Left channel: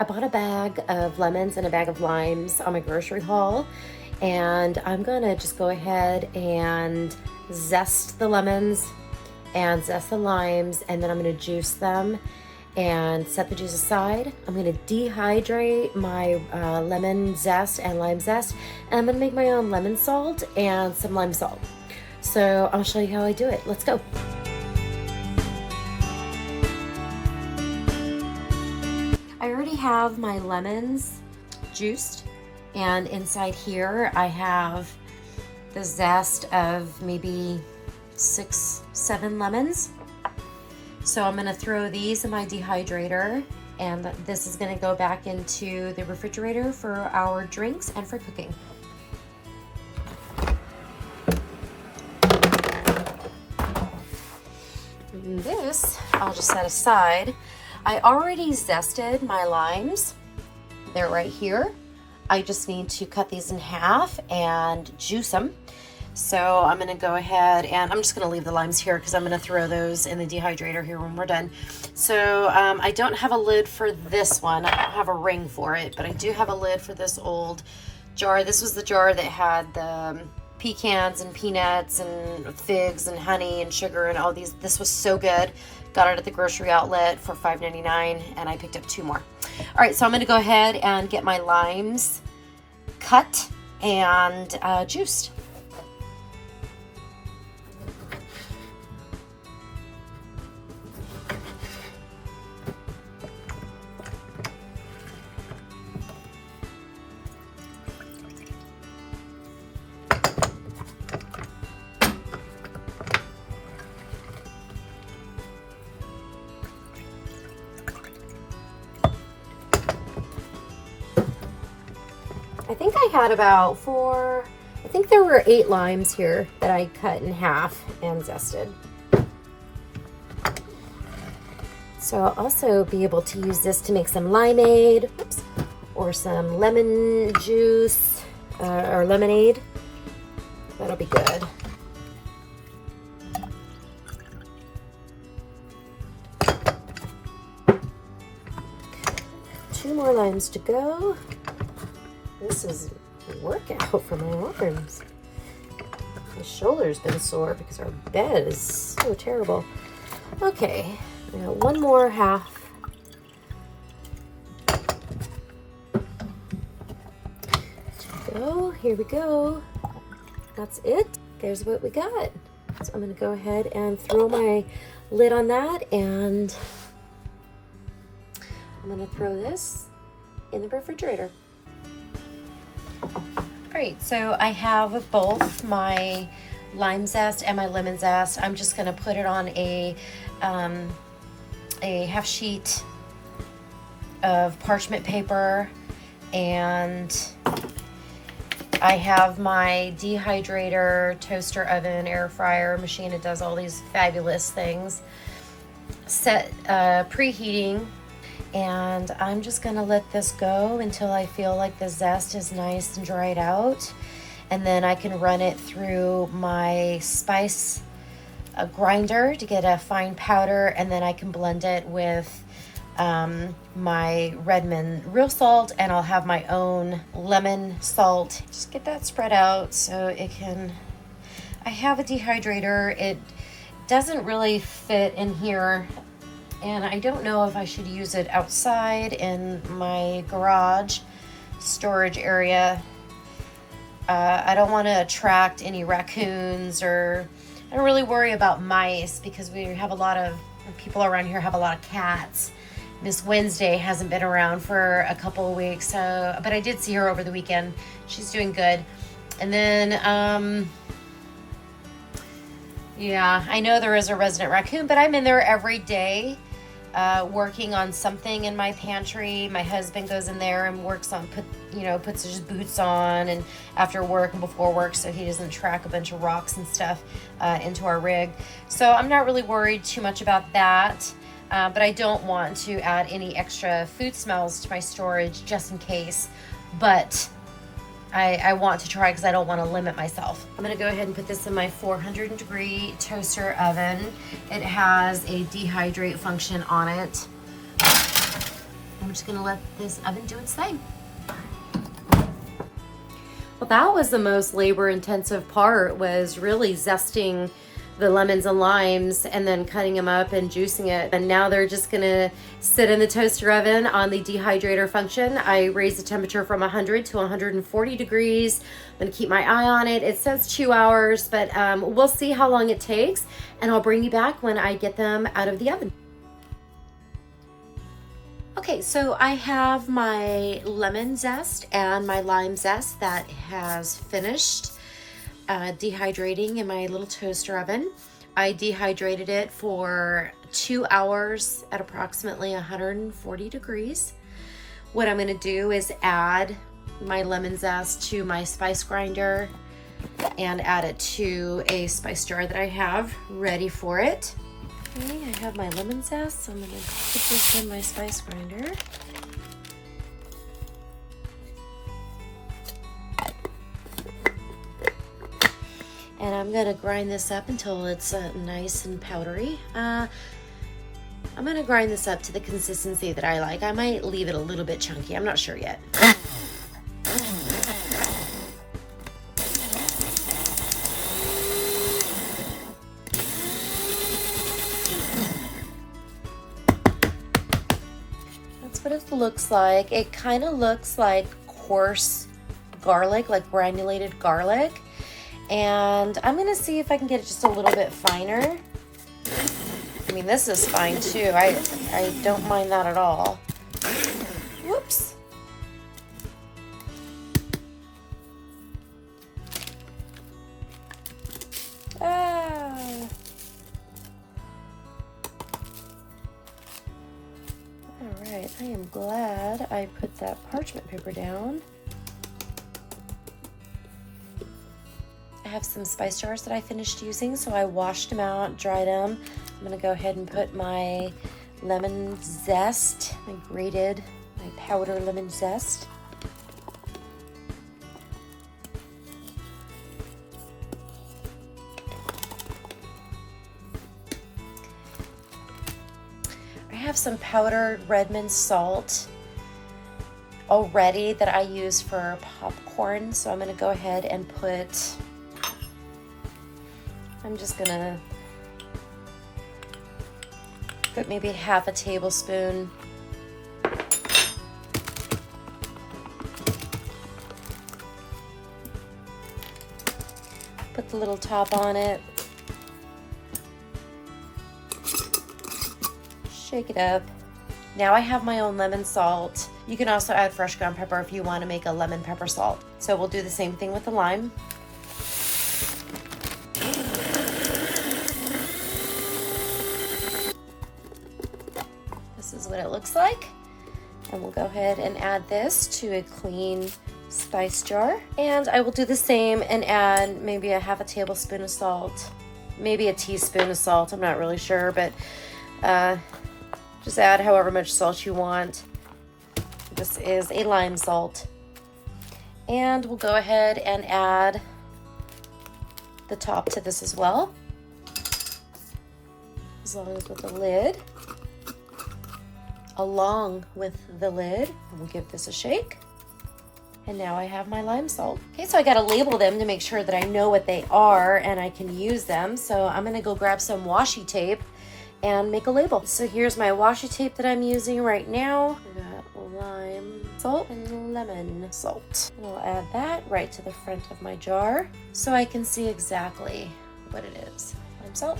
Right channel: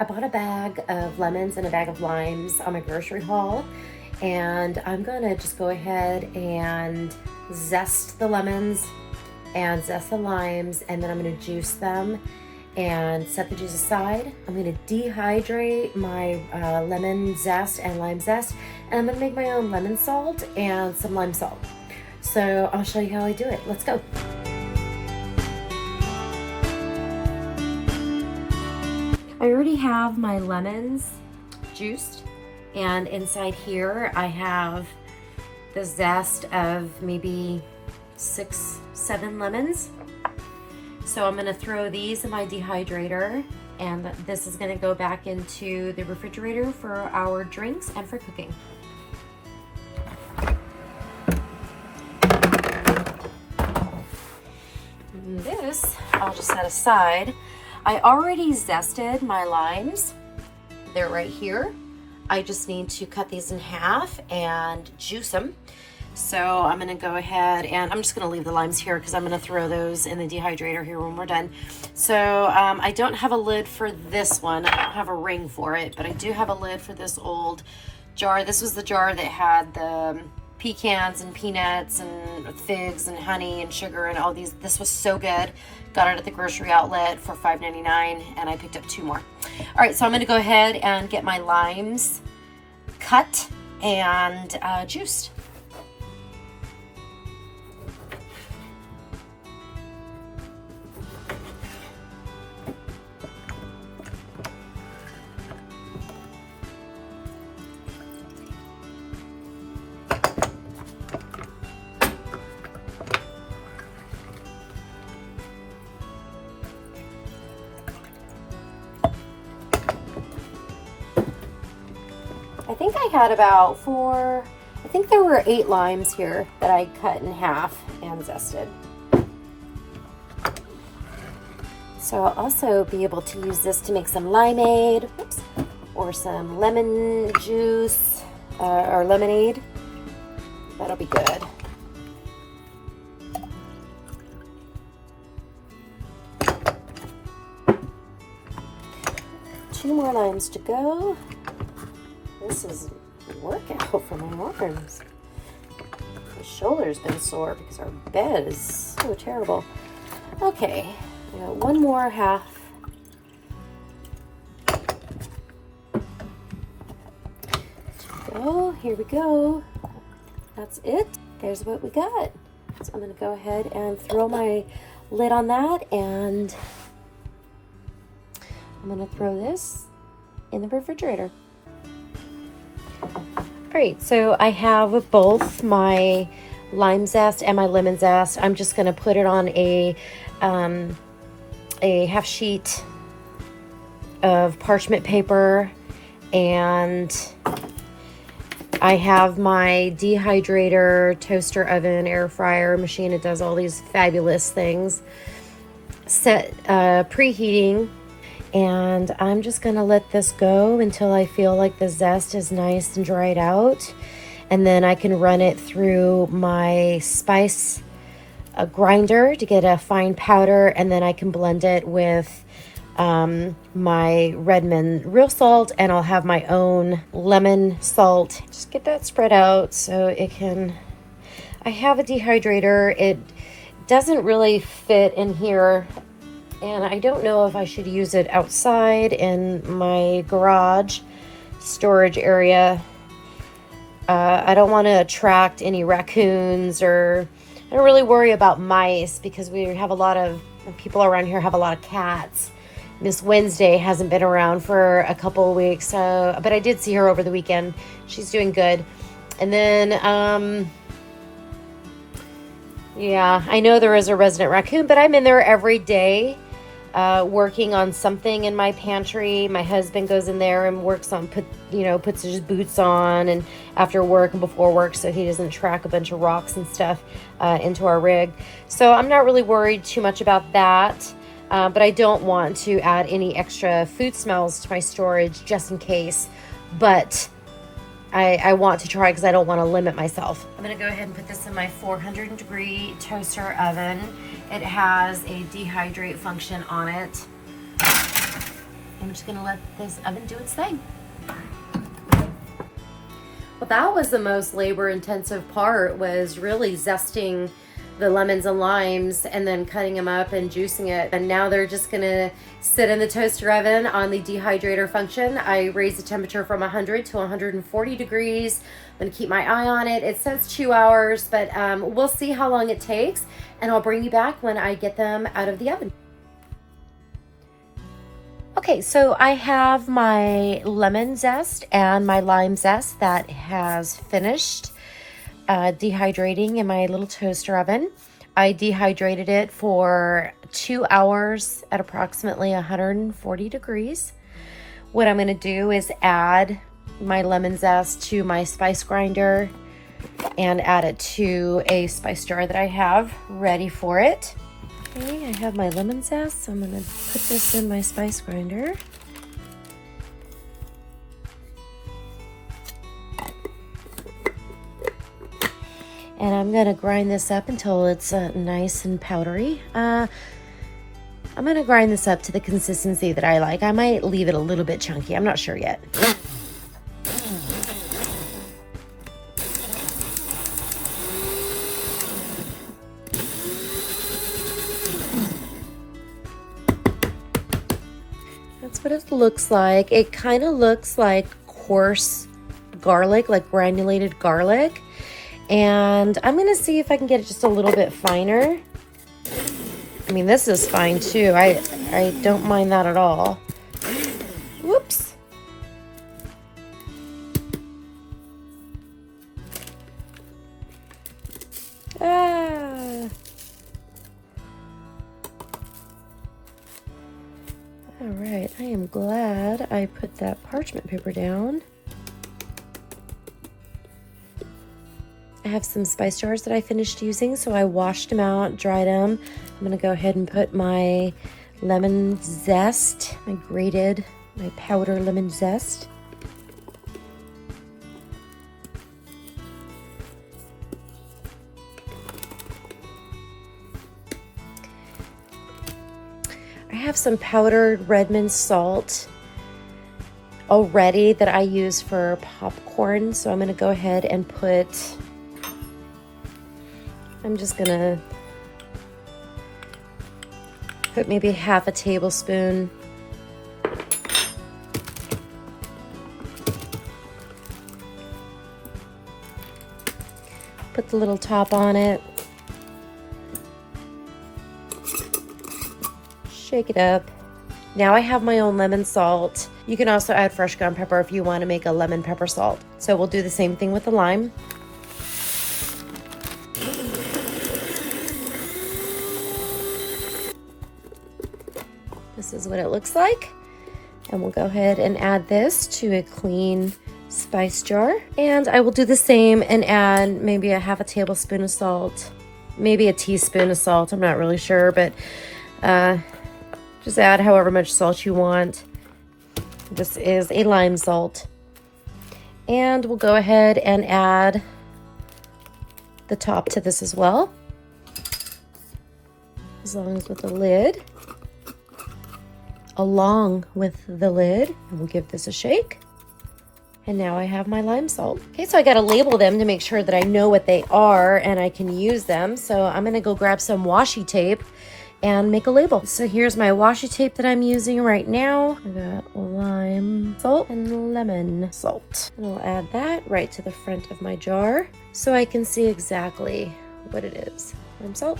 I bought a bag of lemons and a bag of limes on my grocery haul, and I'm gonna just go ahead and zest the lemons and zest the limes, and then I'm gonna juice them and set the juice aside. I'm gonna dehydrate my lemon zest and lime zest, and I'm gonna make my own lemon salt and some lime salt. So I'll show you how I do it. Let's go. I already have my lemons juiced, and inside here I have the zest of maybe 6-7 lemons. So I'm gonna throw these in my dehydrator, and this is gonna go back into the refrigerator for our drinks and for cooking. And this I'll just set aside. I already zested my limes. They're right here. I just need to cut these in half and juice them. So I'm gonna go ahead and I'm just gonna leave the limes here because I'm gonna throw those in the dehydrator here when we're done. So I don't have a lid for this one. I don't have a ring for it, but I do have a lid for this old jar. This was the jar that had the pecans and peanuts and figs and honey and sugar and all these. This was so good. Got it at the grocery outlet for $5.99, and I picked up 2 more. All right, so I'm gonna go ahead and get my limes cut and juiced. I think I had about 4, I think there were 8 limes here that I cut in half and zested. So I'll also be able to use this to make some limeade, oops, or some lemon juice or lemonade. That'll be good. Two more limes to go. This is a workout for my arms. My shoulder's been sore because our bed is so terrible. Okay, I got 1 more half. So here we go. That's it. Here's what we got. So I'm gonna go ahead and throw my lid on that, and I'm gonna throw this in the refrigerator. Great, so I have both my lime zest and my lemon zest. I'm just gonna put it on a half sheet of parchment paper, and I have my dehydrator, toaster oven, air fryer machine. It does all these fabulous things. Set preheating. And I'm just gonna let this go until I feel like the zest is nice and dried out. And then I can run it through my spice grinder to get a fine powder, and then I can blend it with my Redmond real salt, and I'll have my own lemon salt. Just get that spread out so it can, I have a dehydrator. It doesn't really fit in here, and I don't know if I should use it outside in my garage storage area. I don't want to attract any raccoons, or I don't really worry about mice because we have a lot of people around here have a lot of cats. Miss Wednesday hasn't been around for a couple of weeks, but I did see her over the weekend. She's doing good. And then, yeah, I know there is a resident raccoon, but I'm in there every day working on something in my pantry. My husband goes in there and works on, puts his boots on and after work and before work, so he doesn't track a bunch of rocks and stuff into our rig. So I'm not really worried too much about that. But I don't want to add any extra food smells to my storage just in case. But I want to try because I don't want to limit myself. I'm going to go ahead and put this in my 400-degree toaster oven. It has a dehydrate function on it. I'm just gonna let this oven do its thing. Well, that was the most labor-intensive part, was really zesting the lemons and limes and then cutting them up and juicing it. And now they're just gonna sit in the toaster oven on the dehydrator function. I raised the temperature from 100 to 140 degrees. I'm gonna keep my eye on it. It says 2 hours, but we'll see how long it takes, and I'll bring you back when I get them out of the oven. Okay, so I have my lemon zest and my lime zest that has finished dehydrating in my little toaster oven. I dehydrated it for 2 hours at approximately 140 degrees. What I'm gonna do is add my lemon zest to my spice grinder and add it to a spice jar that I have ready for it. Okay, I have my lemon zest, so I'm gonna put this in my spice grinder. And I'm gonna grind this up until it's nice and powdery. I'm gonna grind this up to the consistency that I like. I might leave it a little bit chunky, I'm not sure yet. That's what it looks like. It kind of looks like coarse garlic, like granulated garlic. And I'm gonna see if I can get it just a little bit finer. I mean, this is fine too. I don't mind that at all. Whoops. Ah. All right, I am glad I put that parchment paper down. I have some spice jars that I finished using, so I washed them out, dried them. I'm gonna go ahead and put my lemon zest. I grated my powder lemon zest. I have some powdered red mint salt already that I use for popcorn, so I'm gonna go ahead and I'm just gonna put maybe half a tablespoon. Put the little top on it. Shake it up. Now I have my own lemon salt. You can also add fresh ground pepper if you want to make a lemon pepper salt. So we'll do the same thing with the lime. This is what it looks like. And we'll go ahead and add this to a clean spice jar. And I will do the same and add maybe a half a tablespoon of salt, maybe a teaspoon of salt. I'm not really sure, but just add however much salt you want. This is a lime salt. And we'll go ahead and add the top to this as well, as long as with the lid. Along with the lid, we'll give this a shake. And now I have my lime salt. Okay, so I gotta label them to make sure that I know what they are and I can use them. So I'm gonna go grab some washi tape and make a label. So here's my washi tape that I'm using right now. I got lime salt and lemon salt. I'll add that right to the front of my jar so I can see exactly what it is. Lime salt.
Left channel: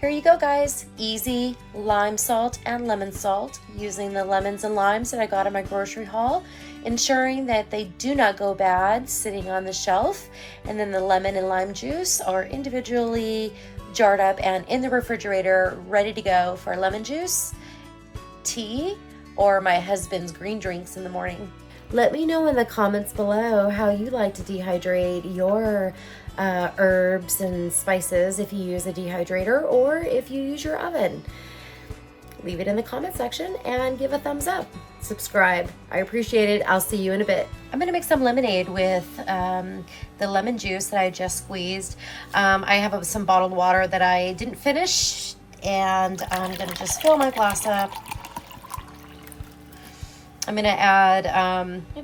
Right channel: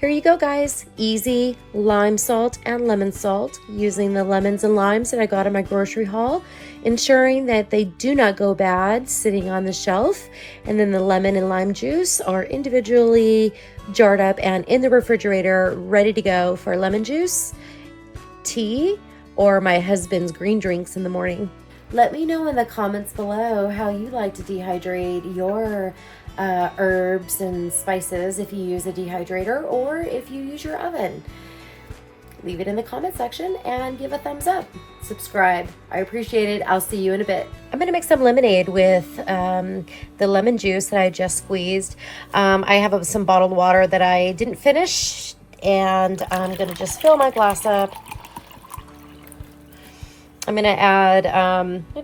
Here you go, guys. Easy lime salt and lemon salt using the lemons and limes that I got in my grocery haul, ensuring that they do not go bad sitting on the shelf. And then the lemon and lime juice are individually jarred up and in the refrigerator, ready to go for lemon juice, tea, or my husband's green drinks in the morning. Let me know in the comments below how you like to dehydrate your herbs and spices, if you use a dehydrator or if you use your oven. Leave it in the comment section and give a thumbs up. Subscribe. I appreciate it. I'll see you in a bit. I'm gonna make some lemonade with the lemon juice that I just squeezed. I have some bottled water that I didn't finish, and I'm gonna just fill my glass up. I'm gonna add,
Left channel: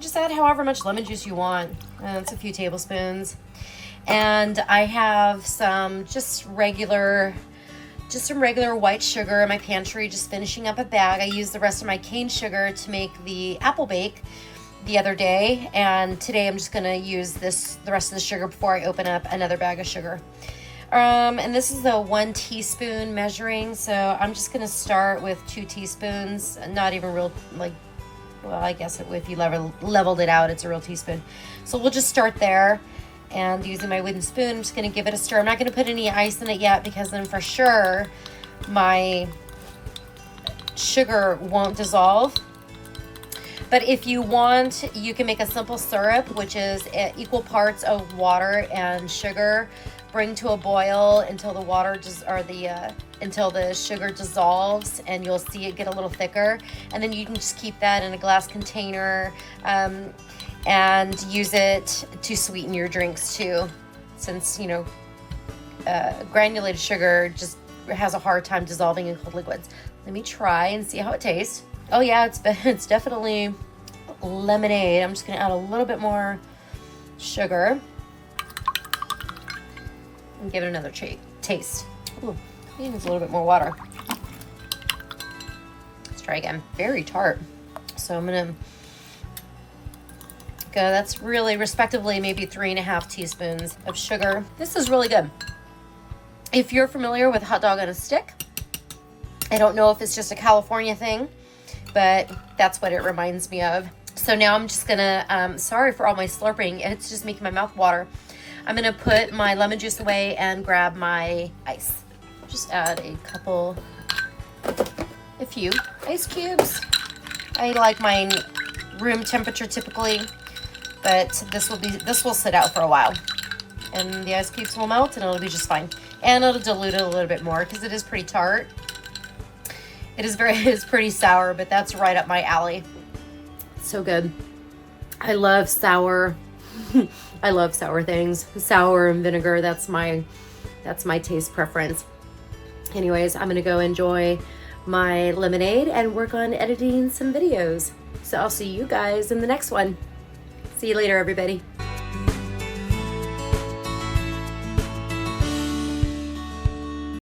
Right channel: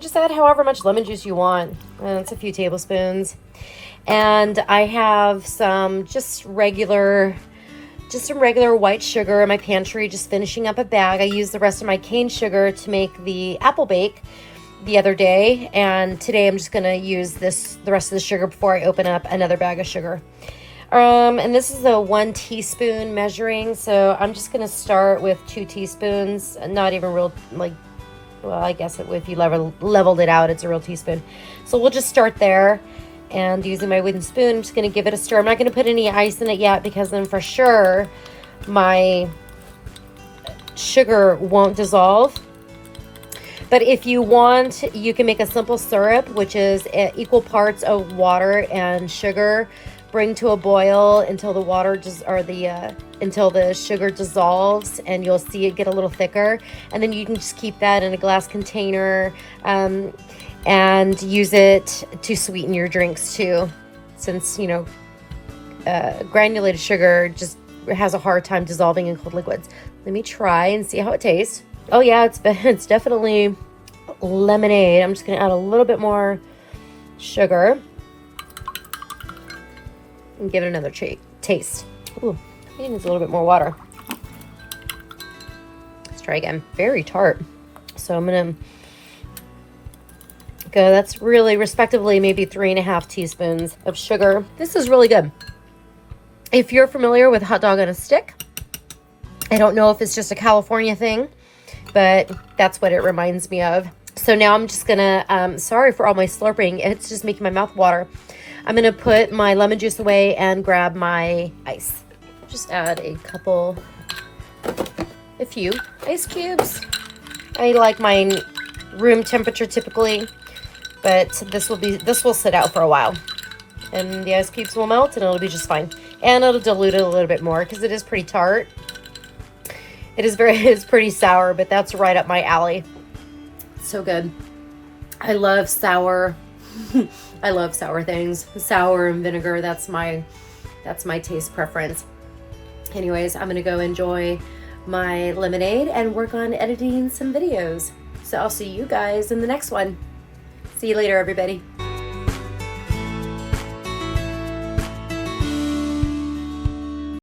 just add however much lemon juice you want. It's a few tablespoons. And I have some some regular white sugar in my pantry, just finishing up a bag. I used the rest of my cane sugar to make the apple bake the other day, and today I'm just gonna use the rest of the sugar before I open up another bag of sugar. And this is a 1 teaspoon measuring, so I'm just gonna start with 2 teaspoons, not even real, like, well, I guess if you leveled it out, it's a real teaspoon. So we'll just start there, and using my wooden spoon, I'm just gonna give it a stir. I'm not gonna put any ice in it yet, because then for sure my sugar won't dissolve. But if you want, you can make a simple syrup, which is equal parts of water and sugar. Bring to a boil until the water until the sugar dissolves, and you'll see it get a little thicker. And then you can just keep that in a glass container and use it to sweeten your drinks too, since granulated sugar just has a hard time dissolving in cold liquids. Let me try and see how it tastes. Oh yeah, it's definitely lemonade. I'm just gonna add a little bit more sugar and give it another taste. Ooh, it needs a little bit more water. Let's try again. Very tart. So I'm gonna go, that's really respectively maybe 3.5 teaspoons of sugar. This is really good. If you're familiar with hot dog on a stick, I don't know if it's just a California thing, but that's what it reminds me of. So now I'm just gonna, sorry for all my slurping, it's just making my mouth water. I'm gonna put my lemon juice away and grab my ice. Just add a few ice cubes. I like mine room temperature typically, but this will sit out for a while. And the ice cubes will melt and it'll be just fine. And it'll dilute it a little bit more because it is pretty tart. It's pretty sour, but that's right up my alley. So good. I love sour. I love sour things. Sour and vinegar, that's my taste preference. Anyways, I'm gonna go enjoy my lemonade and work on editing some videos. So I'll see you guys in the next one. See you later, everybody.